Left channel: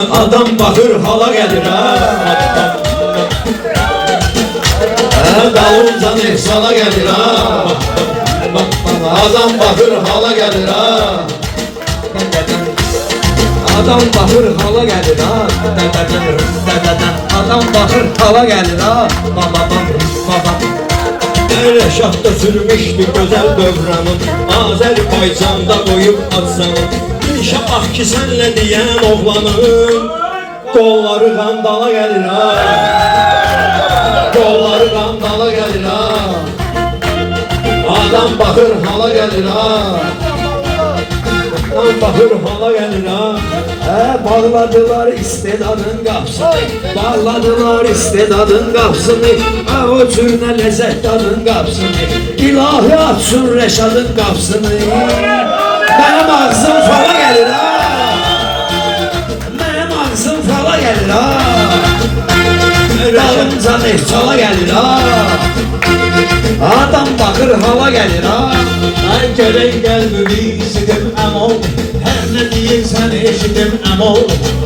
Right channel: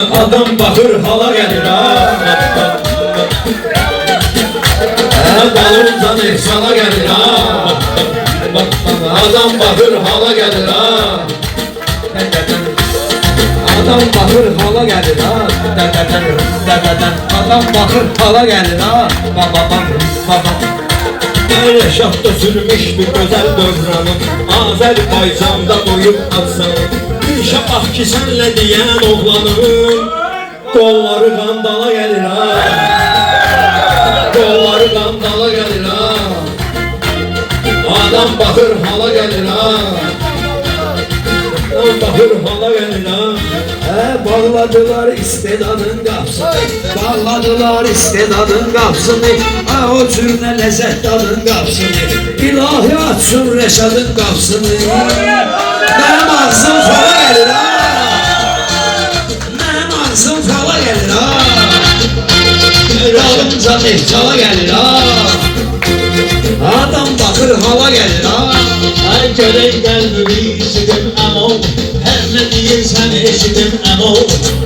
Adam bakır hala gelir ha. Dalımızdan efsana gelir ha. Adam bakır hala gelir ha. Adam bakır hala gelir ha. Adam bakır hala gelir ha. Reşat da sürmüştü güzel dövranım, Azerbaycan'da boyup atsam. İnşallah ki senle diyen oğlanım, kolları qandala gelir ha. Kolları qandala gelir ha. Adam bakır hala gelir ha. Adam bakır hala gelir ha. Bağladılar istedadın kapsını, bağladılar istedadın kapsını, o cürne lezzet dadın kapsını, ilahi açsın Reşadın kapsını. Benim ağzım fala gelir ha. Benim ağzım fala gelir ha. Dalımca mefsala gelir ha. Adam bakır hala gelir ha. Ay görey gelmemi istedim ama her ne diyeysen eşidim ama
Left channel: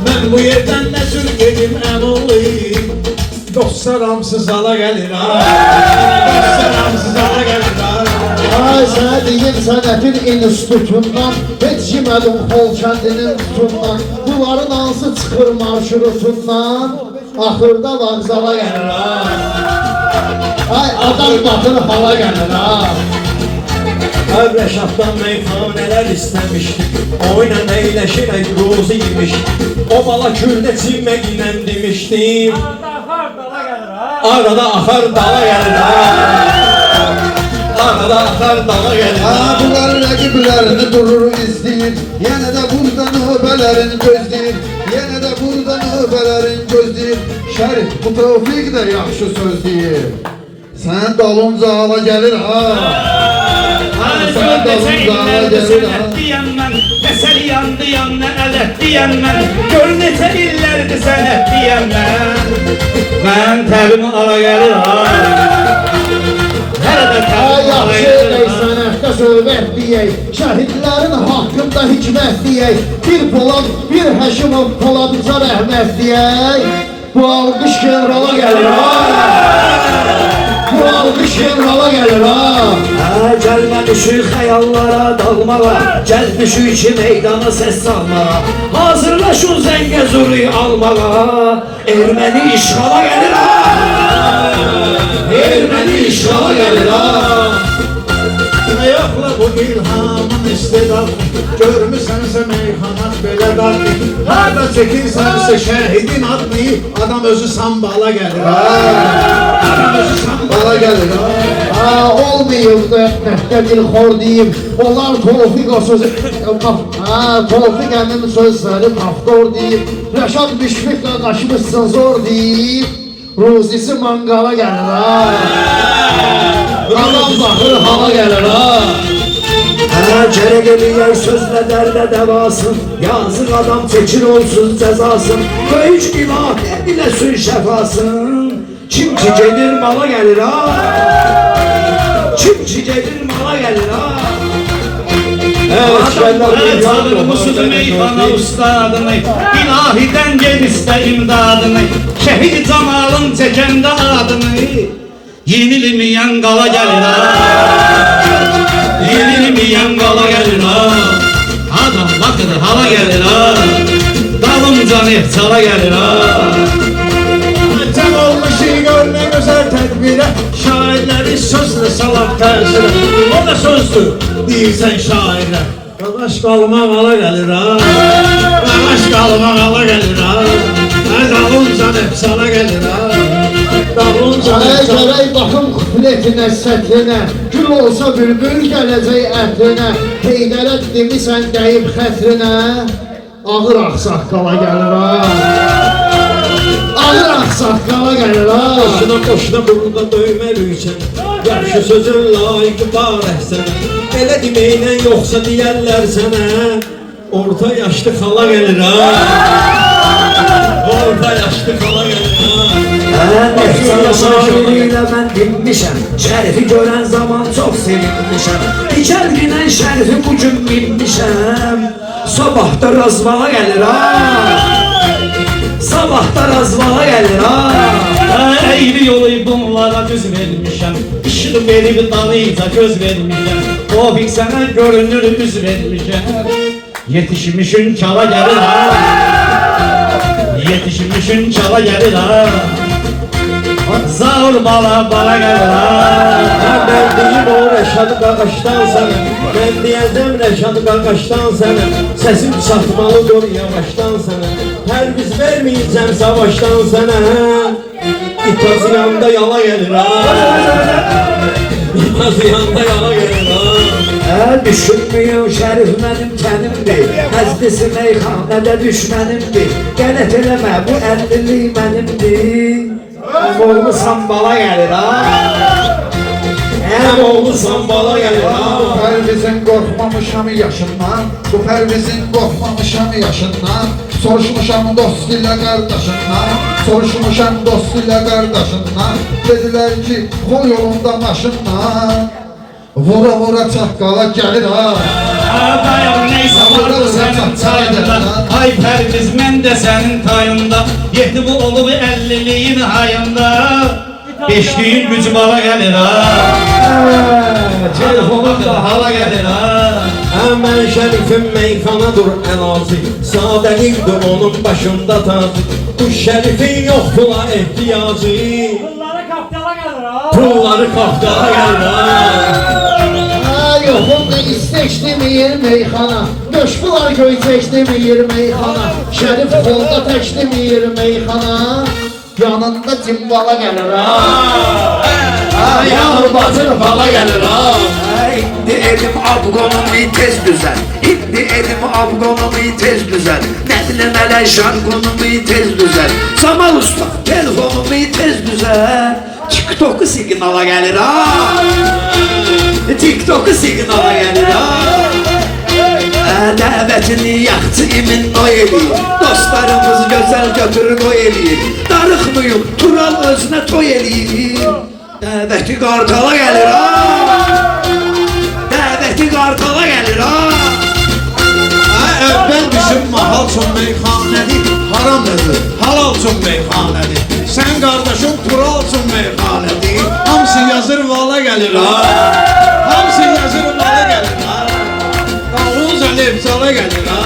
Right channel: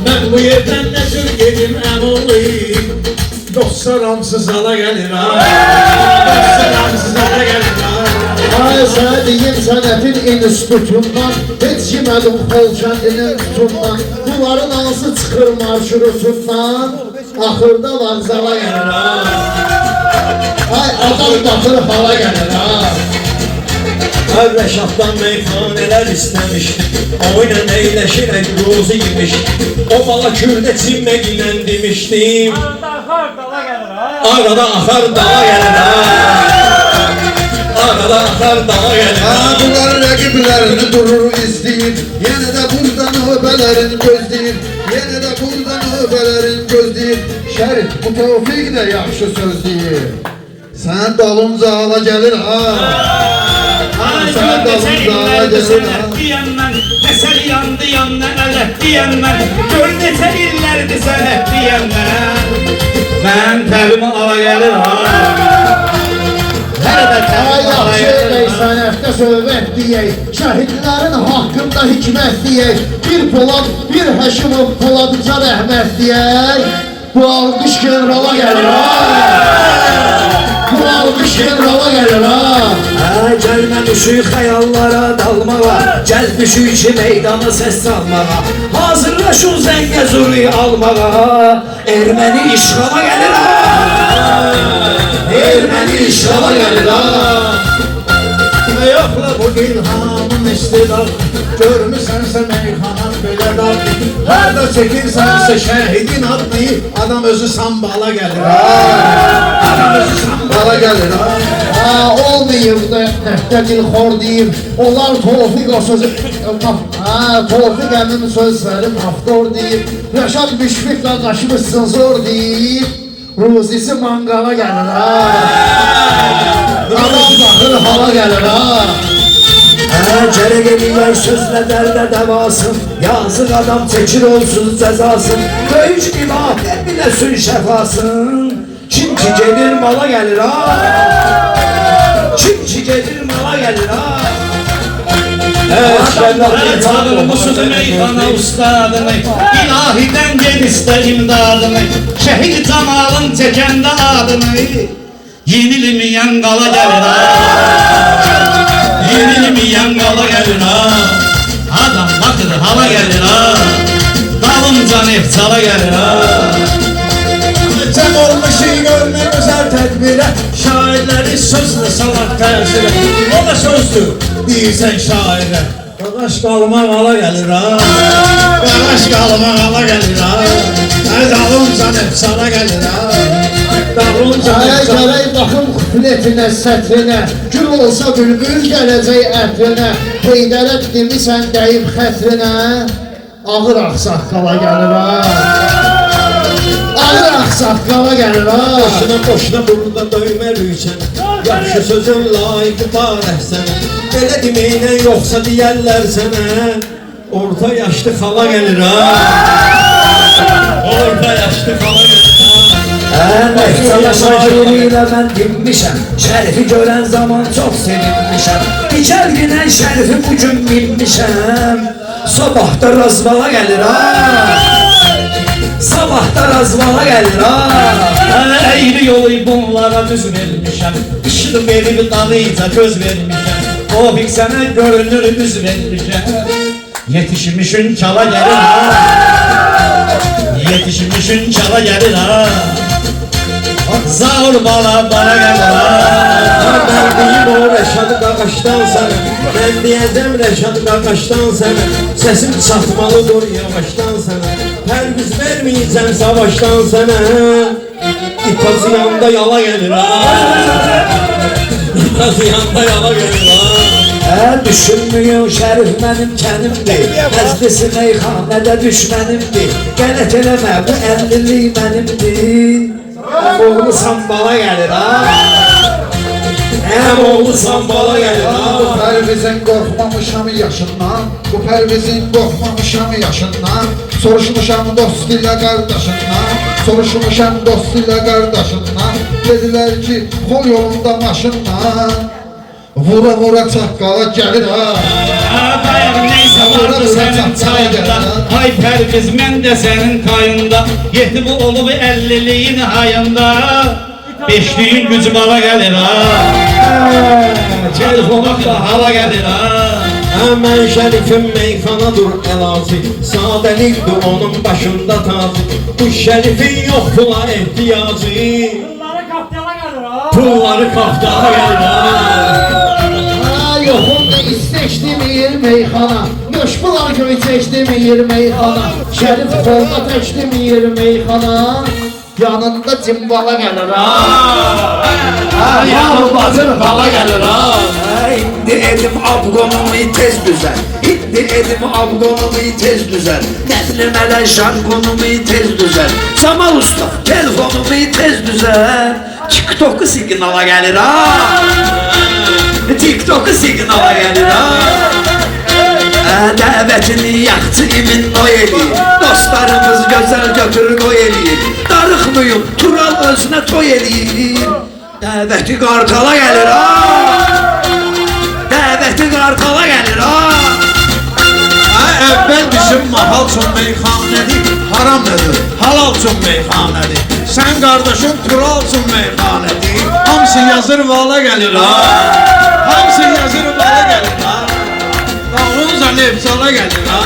ben bu yerden ne sürgedim ama dostlar ramsız hala gelir ha. Dostlar ramsız hala gelir ha. Ay sana diyeyim sənətin institutundan, heç yemədim xol kəndinin tutundan, bunların hansı çıxır marşrutundan, axırda vağzala gəlir ha. Ay adam bakır hala gəlir ha. Ay Reşat'tan meyhaneler istemiştim, oyla eyleşerek ruzu yemiştim. O bala kürde çimmeğinden demiştim, arada akar dala gelir ha. Arada akar dala gelir ha. Bunların rəqiblərini durur izləyir, yenə də burada növbələrin gözləyir, yenə də burada növbələrin gözləyir. Şərif bu Tevfik də yaxşı söz deyir, sən dalınca hala gəlir ha. Sən dalınca hala gəlir ha. Eser yandı yanına el etti yanına. Gör neçə illərdir sən etdi yanına. Ben təbimi ala gelir ha. Ay yaxşı elək sənətdə söhbət deyək, şəhidlərin haqqında hikmət deyək, bir Polad, bir Həşimov Poladca rəhmət deyək. Bu alqış generala gəlir ha. Bu alqış generala gəlir ha. Gəlmə düşük xəyallara dalmağa, gəl düşük ki meydanı səs salmağa, hazırlaşın zəngə zürü almağa, erməni işğala gəlir ha. Erməni işğala gəlir ha. Yoxla bu ilhamın istedad, görmüsənsə meyxanat belə dadlı, harada çəkirsənsə şəhidin adlı, adam özü sambala gəlir ha. Adam özü sambala gəlir ha. Olmayıb da dəftə dilxor deyib, onlar Tevfik o sözü, Tevfik əmin sözləri maftor deyib, Rəşad Müşfiq qardaşımızsın zor deyib, Ruzisi mangala gəlir ha. Adam bakır hala gəlir ha. Gərək eləyər sözlə dərdə dəvasın, yazıq adam çəkir olsun cəzasın, böyük ilah biləsin şəfasın. Kim ki gedir mala gəlir ha. Kim ki gedir mala gəlir ha. Çadırı mısır meyhana ustadını, İlahiden gel iste imdadını, şehit Cemal'ın çekende adını, yenilmeyen qala gəlir ha. Yenilmeyen qala gəlir ha. Adam bakır hala gəlir ha. Dalınca nefçala gəlir ha. Cəm olmuşu görmək özəl tədbirə, şairləri sözlə salar tərsirə. O da sözdür, deyirsən şairə. Qaqaş qalıma mala gelir ha. Qaqaş qalıma hala gəlir ha. Dalınca nefçala gəlir ha. Dalınca Ay nefçala. gərək baxım kupletinə, sətrinə, gül olsa bülbül gələcək ətrinə, Heydərə demisən deyib xətrinə, ağır axsaqqala gəlir ha. Ağır axsaqqala gəlir ha. Boşuna burada döyməliysən, yaxşı sözün layiqi barəh sənə. Belə deməklə yoxsa deyərlər sənə, orta yaşlı xala gəlir ha. Orta yaşlı xala gəlir ha. Nefçala şairiyle ben dinmişəm, şərifi görən zaman çox sevinmişəm, dikər günən şərifi bugün bilmişəm, sabah da razvala gəlir ha. gelir ha. Eğri yolu bunlara düz vermişəm. İşli verib dalıyca göz vermişəm. Tofik sənə görünür üz vermişəm. Yetişmişün çala gəlir ha. Yetişmişün çala gəlir ha. Zaur bala gəlir ha. Ben deyim o Reşad Qaqaşdan sənə. Ben diyeceğim Reşad Qaqaşdan sənə. Sesim çatmalı dur yavaştan sənə. Pərviz vermeyeceğim savaştan sənə. İpazı yanında yala gelir ha. İpazı yanında yala gelir ha. Düşünmüyor şərif mənim kənimdir. Məclisi meyxanədə düşmənimdir. Qələt eləmə bu 50'lik mənimdir. Oğlu sambala gelir ha. Oğlu sambala gelir ha. Bu Pərvizin qorxmamışam yaşından, bu Pərvizin qorxmamışam yaşından. Soruşmuşam dost ilə qardaşından, soruşmuşam dost ilə qardaşından. Dedilər ki, qol yolunda maşınla, vura vura çaqqala gəlir ha. Neyse vardır sənin çayında. Ay Pərviz mən də sənin tayında. Yeti bu olub 50'liyin hayında. Beşliyin gücü bala gəlir ha. Telefonun da hala gəlir ha. Hemen şerifin meyxanadır əlacı. Sadəlikdir onun başında tacı. Bu şerifin yok pula ehtiyacı. Bunlara kaptala gelir ha. Pulları kaftana gelir ha. Yoxumda isteşdimir meyxana, Möşbular göy çeşdimir meyxana, Şərif solda təşdimir meyxana, Yanında cimbala gəlir ha. Yağmur batır bala gelir ha. İndi elim abgonumu tez düzel. İndi elim abgonumu tez düzel. Nədiləmələr şarkonumu tez düzel. Samal usta telefonumu tez düzel. TikTok'u signala gelir ha. TikTok'u signala gelir ha. Dəvətini yaxçı imin o eləyir. Dostlarımız gözəl götürür o eləyir. Darıxmıyım Tural özünə toy eləyir. Dəvəti qartala gəlir ha. Dəvəti qartala gəlir ha. Əvvəl bizim mahal üçün meyxanədir, haram nədir? Halal üçün meyxanədir. Sən qardaşın Tural üçün meyxanədir. Hamısı yazır vala gəlir ha. Hamısı yazır vala gəlir ha. Dalınca lefzala gəlir ha.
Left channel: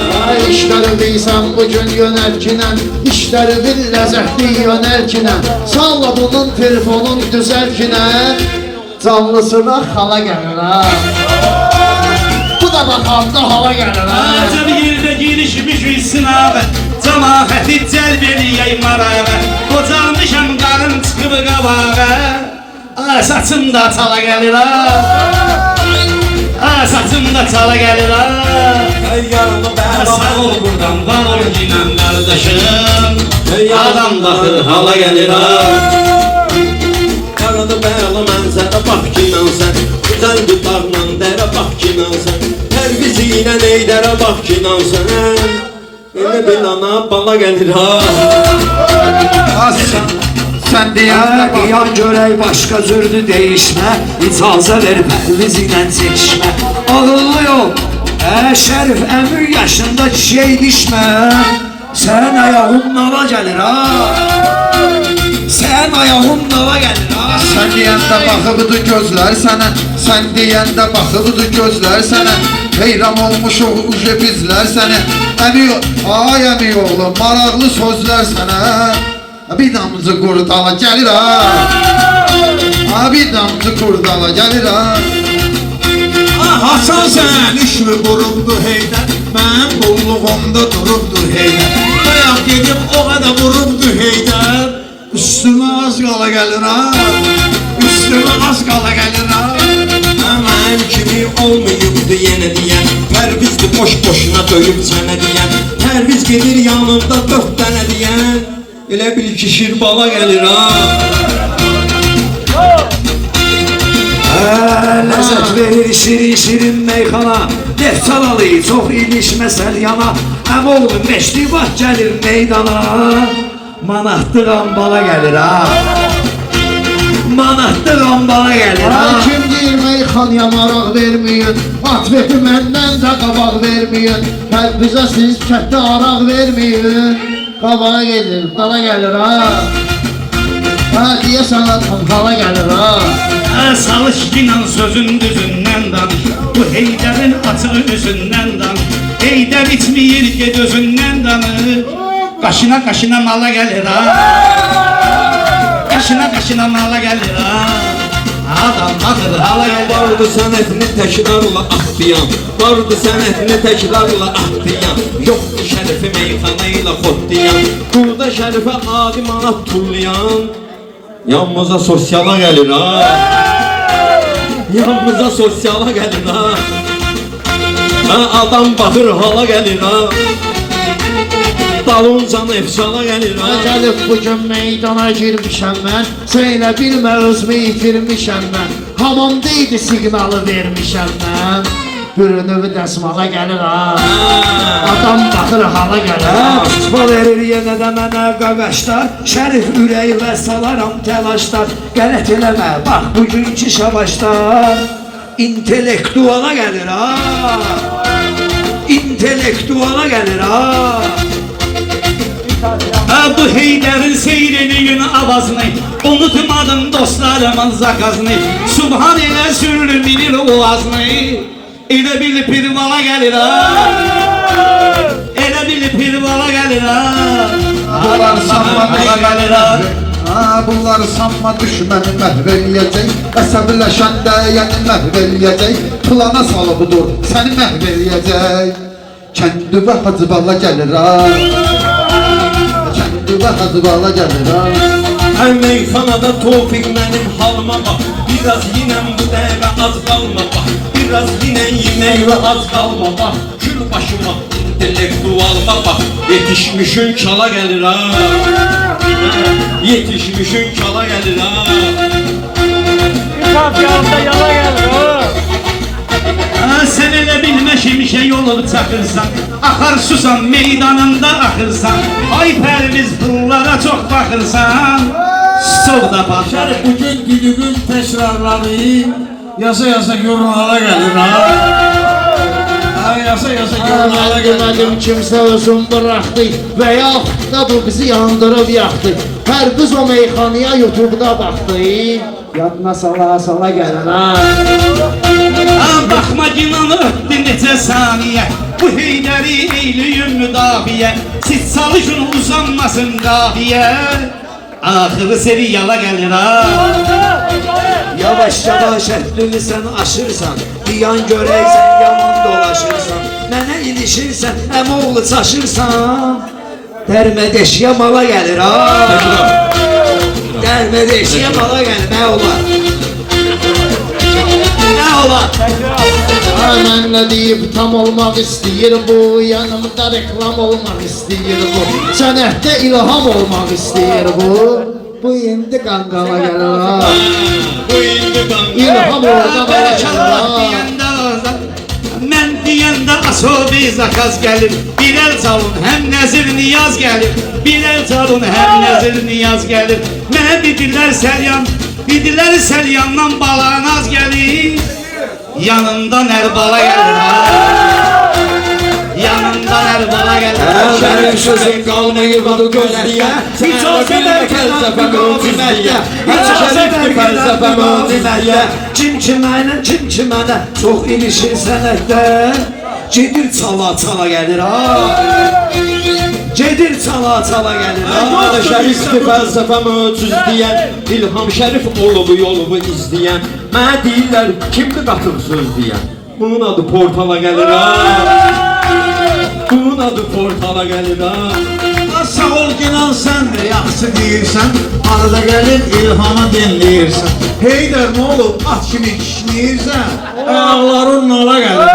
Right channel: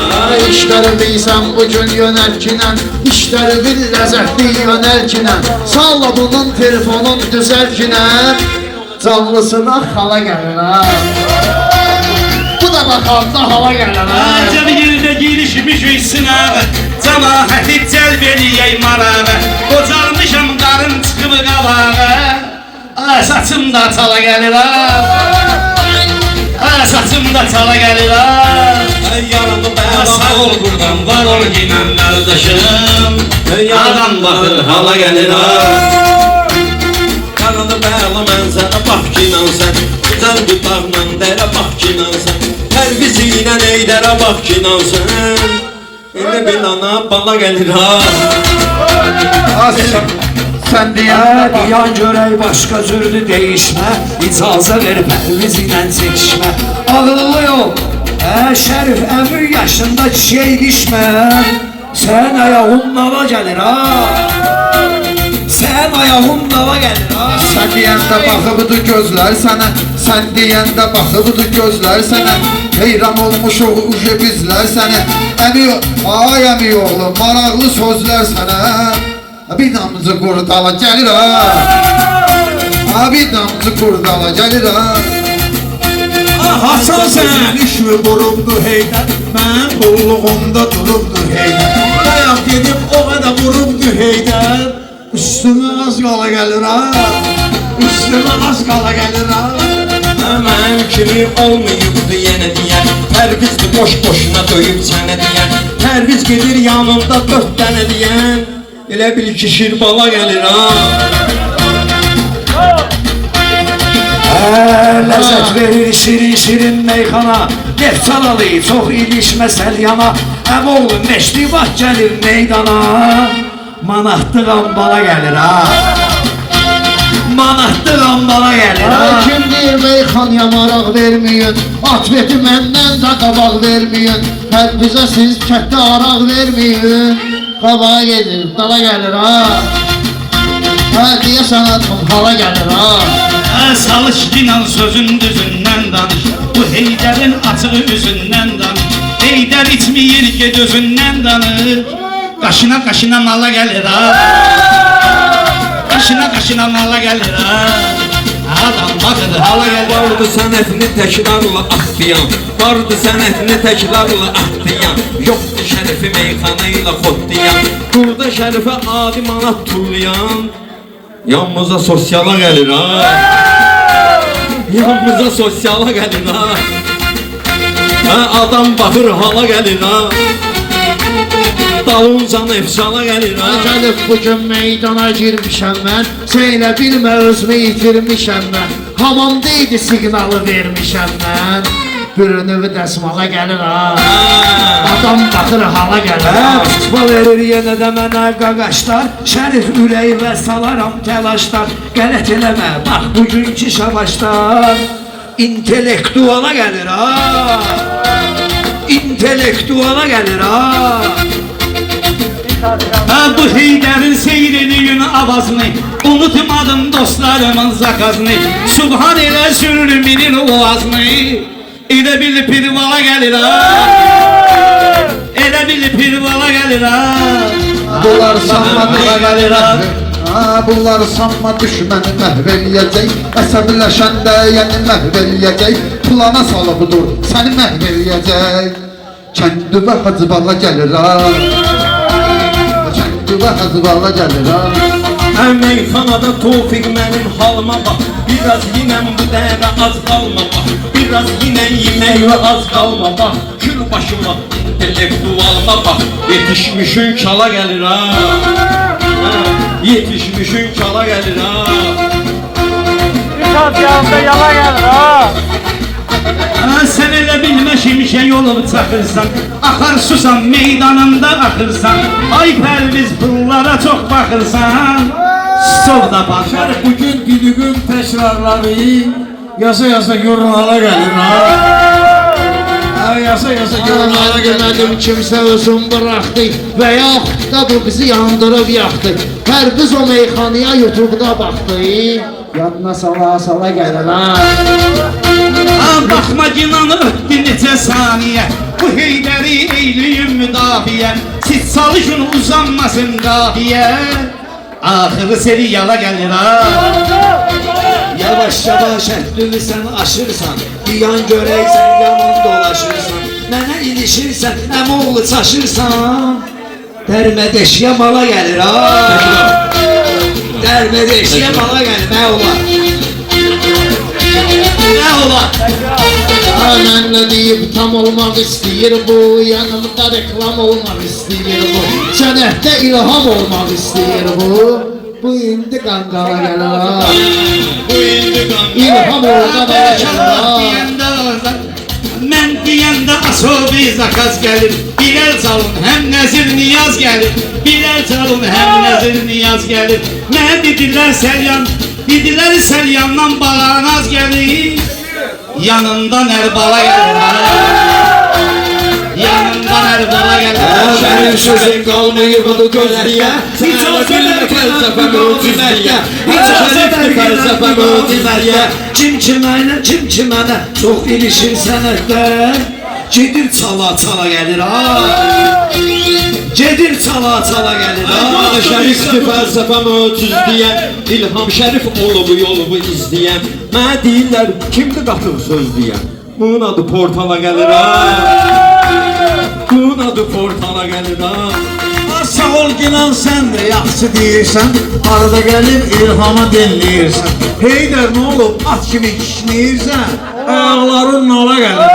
İşləri bilsən bugün yönərkinə, İşləri bil ləzzətli yönərkinə, Salla bunun telefonun düzəlkinə, Canlısına hala gəlir ha. Bu da baxanda hava gəlir ha. Acaba yerdə girişmiş sınavı, Cəmaəti cəlb eləyək marağı. Qocalmışam qarın çıxıb qabağa, Saçım da çala gəlir ha. Saçım da çala gəlir ha. Yaramı Sağ ol buradan var ol ginəm qardaşım. Adam baxır hala gəlir ha. Yaralı bəla mənzərə bax ki mənsən. Güzel bir bağla dərə bax ki mənsən. Pərvizi ilə neydərə bax ki mənsən. Elə bir ana bala gəlir ha. Sən deyə Bayan görək başqa cürdü değişmə. İcazə ver Pərviz ilə çəkişmə. Ağıllı yol Şərif əmir yaşında çiçək dişmə. Sən ayağın nala gəlir ha. Sən ayağın nala gəlir ha. Sən deyəndə baxıbıdır gözlər sənə, Sən deyəndə baxıbıdır gözlər sənə, Heyran olmuşuq uje bizlər sənə. Ay əmi oğlu, maraqlı sözlər sənə. Bir damcı qurdala gəlir ha. Bir damcı qurdala gəlir ha. Hasan sən işmi vurubdu heydər, Mən qulluğumda durubdu heydər. Bayaq dedim o qədər vurubdu heydər, Üstümə az qala gəlir ha. Üstümə az qala gəlir ha. Mən kimi olmayıbdı yenə deyən. Pərvizdir boş boşuna döyüb sənə deyən. Pərviz gedir yanımda 4 dənə deyən. Elə bil ki şir bala gəlir ha. Ləzzət verir şirin şirin meyxana. Yeftalalı çox ilişməsəl yana. Əmoğlu meşli vaxt gəlir meydana. Manatlı qambala gəlir ha. Manatlı qambala gəlir ha. Kim deyir meyxanaya maraq verməyin, Atveti məndən də qabaq verməyin, Bizə siz kətdə araq verməyin, Qabağa gedir, dala gəlir ha. Ha deyəsən atmam hala gəlir ha. Salışkinan sözün düzündən danış. Bu Heydərin açığı üzündən danış. Heydər içməyir ged özündən danış. Qaşına qaşına mala gəlir ha. Qaşına qaşına mala gəlir ha. Adam baxır hala gəlir. Vardı sənətini təkrarla atlayan, vardı sənətini təkrarla atlayan, yoxdur şərifi meyxana ilə xotlayan, burada şərifə adi manat tullayan, yanımıza sosiala gəlir ha. Yanımıza sosiala gəlir ha. Adam baxır hala gəlir ha. Dalıncan efsana gəlir ha. Gəlib bugün meydana girmişəm mən, söylə bilmə özümü itirmişəm mən. Hamamdaydı siqnalı vermişəm mən, bir növü dəsmala gəlir ha. Adam baxır hala gəlir ha. Tutma verir yenə də mənə qaqaşlar, Şərif ürəyimə salaram təlaşlar. Qələt eləmə, bax bugünkü şabaşlar, intellektuala gəlir ha. İntellektuala gəlir ha. Bu Heydərin seyrini avazını unutmadım dostlarımın zakazını. Subhan elə sürminin oğazını. Elə bil pirvala gəlir ha. Elə bil pirvala gəlir ha. Bunlar sanma bunlar sanma düşməni məhv eləyəcək. Əsəbləşəndə yəni məhv eləyəcək. Plana salıbıdır səni məhv eləyəcək. Kəndüvə hacıbala gəlir ha. Kəndüvə hacıbala gəlir ha. Meyxanada Tofiq mənim halıma bax, biraz yinəm bu dəvə az qalma bax, biraz yinən yeməklə az qalma bax, gül başıma intellektualına bax, yetişmişin kala gəlir ha. Yetişmişin kala gəlir ha. Bir kapyanında yala gelir ha. Sen elə bilmə şimşək yolub çakırsan, axar susan meydanında axırsan. Ay pərviz pullara çox baxırsan, çox da baxar. Bugün düdüğün tekrarları yasa yasa jurnala gelir ha. Yasa yasa jurnala gelir. Demədim kimsə özün bıraxdı və yaxud da bu bizi yandırıb yaxdı. Hər biz o meyxanaya YouTube'da baxdı, yadına sala gəlir ha. Baxma ginan ötdü neçə saniyə, bu Heydəri eyliyim müdafiə. Siz çalışın uzanmasın qafiyə, axırı seri yala gəlir ha. Yavaş yavaş həddini sən aşırsan, Diyan görəksən yaman dolaşırsan, Mənə ilişirsən, əmoğlu çaşırsan, Dərmə deşiyə mala gəlir ha. Dərmə deşiyə mala gəlir, nə olar? Nə olar? Mənlə deyib tam olmaq istəyir bu, yanımda reklam olmaq istəyir bu, sənətdə ilham olmaq istəyir bu. Bu indi qanqala gəlir ha. Bu indi ben İlham oradan ala gəlir ha. Mən deyəndə asobi zakaz gəlir, birər çalın həm nəzir niyaz gəlir, birər çalın həm nəzir niyaz gəlir. Mənə dedilər səlyandan bağanaz gəlir, yanından ərbala gəlir ha. Yanından ərbala gəlir ha. Benim sözüm kalmayı bu gözlüye, hiç olsa da felsefem öldürmeye, hiç olsa da felsefem öldürmeye. Kim kimənə çox ilişir sənətdə, Gedir çala gəlir ha. Gedir çala gəlir ha. Şərifdir felsefem ötüz deyən, İlham Şərif olubu yolubu izləyən. Mənə deyirlər kimdir qatıb söz deyən, bunun adı portala gəlir ha. Bunun adı portala gəlir ha. Sağ ol ginan sən də yaxşı deyirsən, arada gəlib ilhama dinləyirsən. Heydər nə olub at kimi kişnəyirsən, ayaqların nala gəlir.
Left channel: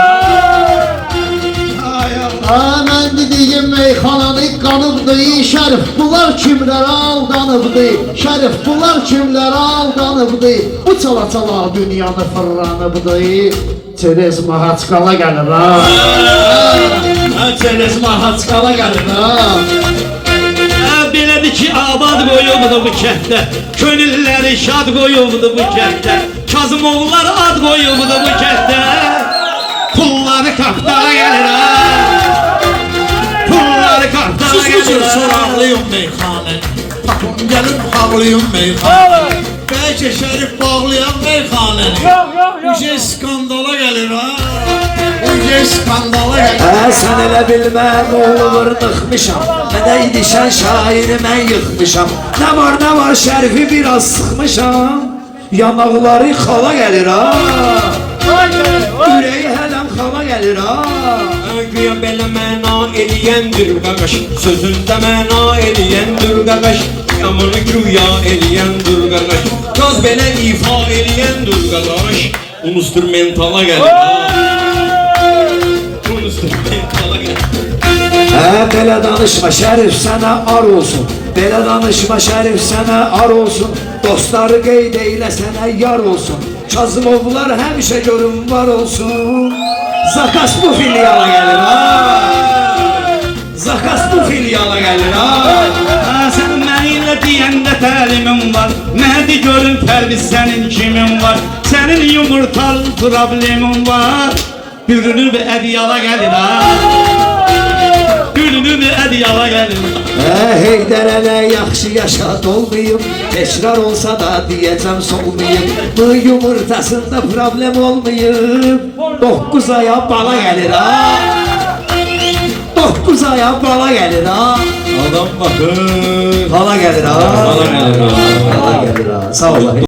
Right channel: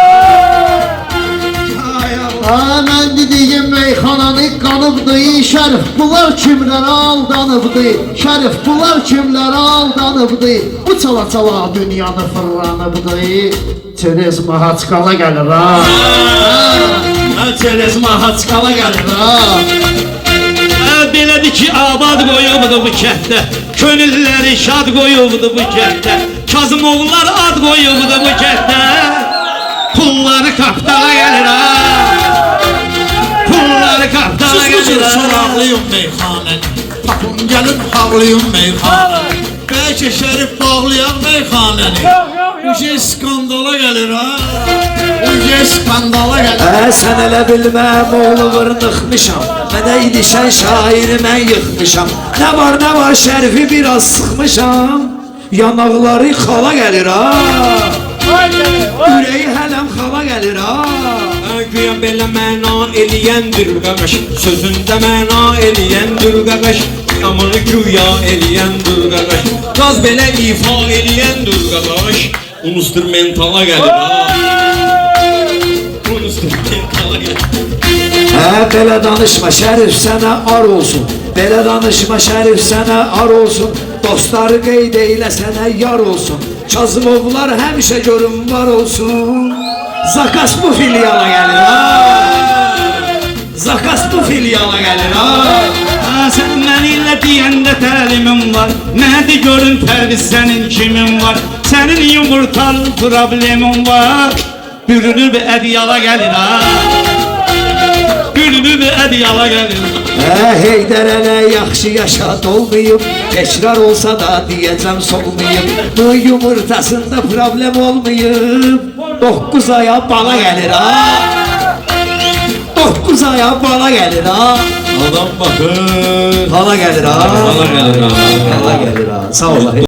Mən dediyim meyxananı qanıbdı, Şərif bunlar kimlərə aldanıbdı, Şərif bunlar kimlərə aldanıbdı, bu çala dünyanı fırlanıbdı, Çerez Mahaçqala gəlir ha. Çerez Mahaçqala gəlir ha. Belədir ki, abad qoyubdu bu kənddə, könülləri şad qoyubdu bu kənddə, Kazımoğullar ad qoyubdu bu kənddə, pulları kaptala gəlir ha. Pulları kaptala gəlir Belki soraqlıyım meyxanəni. Tapım gəlib bağlıyım meyxanəni. Belki şərif bağlayan meyxanəni. Uje skandala gəlir ha. Uje skandala gəlir. Sən elə bilmə nə olur nıxmışam. Mənə idişən şairi mən yıxmışam. Nə var şərifi biraz sıxmışam. Yanaqları xala gəlir ha. Ürəyi hələm xala gəlir ha. Güya belə məna eləyəndir qəqəş, sözündə məna eləyəndir qəqəş, yamanı güya eləyəndir qəqəş, qaz belə ifa eləyəndir qəqəş, instrumentala gəlir ha. Instrumentala gəlir. Belə danışma şərif sənə ar olsun. Belə danışma şərif sənə ar olsun. Dostları qeyd eylə sənə yar olsun. Kazımovlar həmişə görün var olsun. Zakas bu filiala gəlir ha. Zakas bu filiala gəlir ha. Sən mənimlə deyəndə təlimim var. Nədir görün tərbiz sənin kimin var. Sənin yumurtalı problemin var. Bürünür bir ədyala gəlir ha. Bürünür bir ədyala gəlir. Heydər ələ yaxşı yaşat olmayıb. Tekrar olsa da diyəcəm solmayıb. Bu yumurtasında problem olmayıb. 9 aya bala gəlir ha. 9 aya bala gəlir ha. Adam bakır. Bala gəlir ha. Bala gəlir ha. Bala gəlir ha. Sağ ol.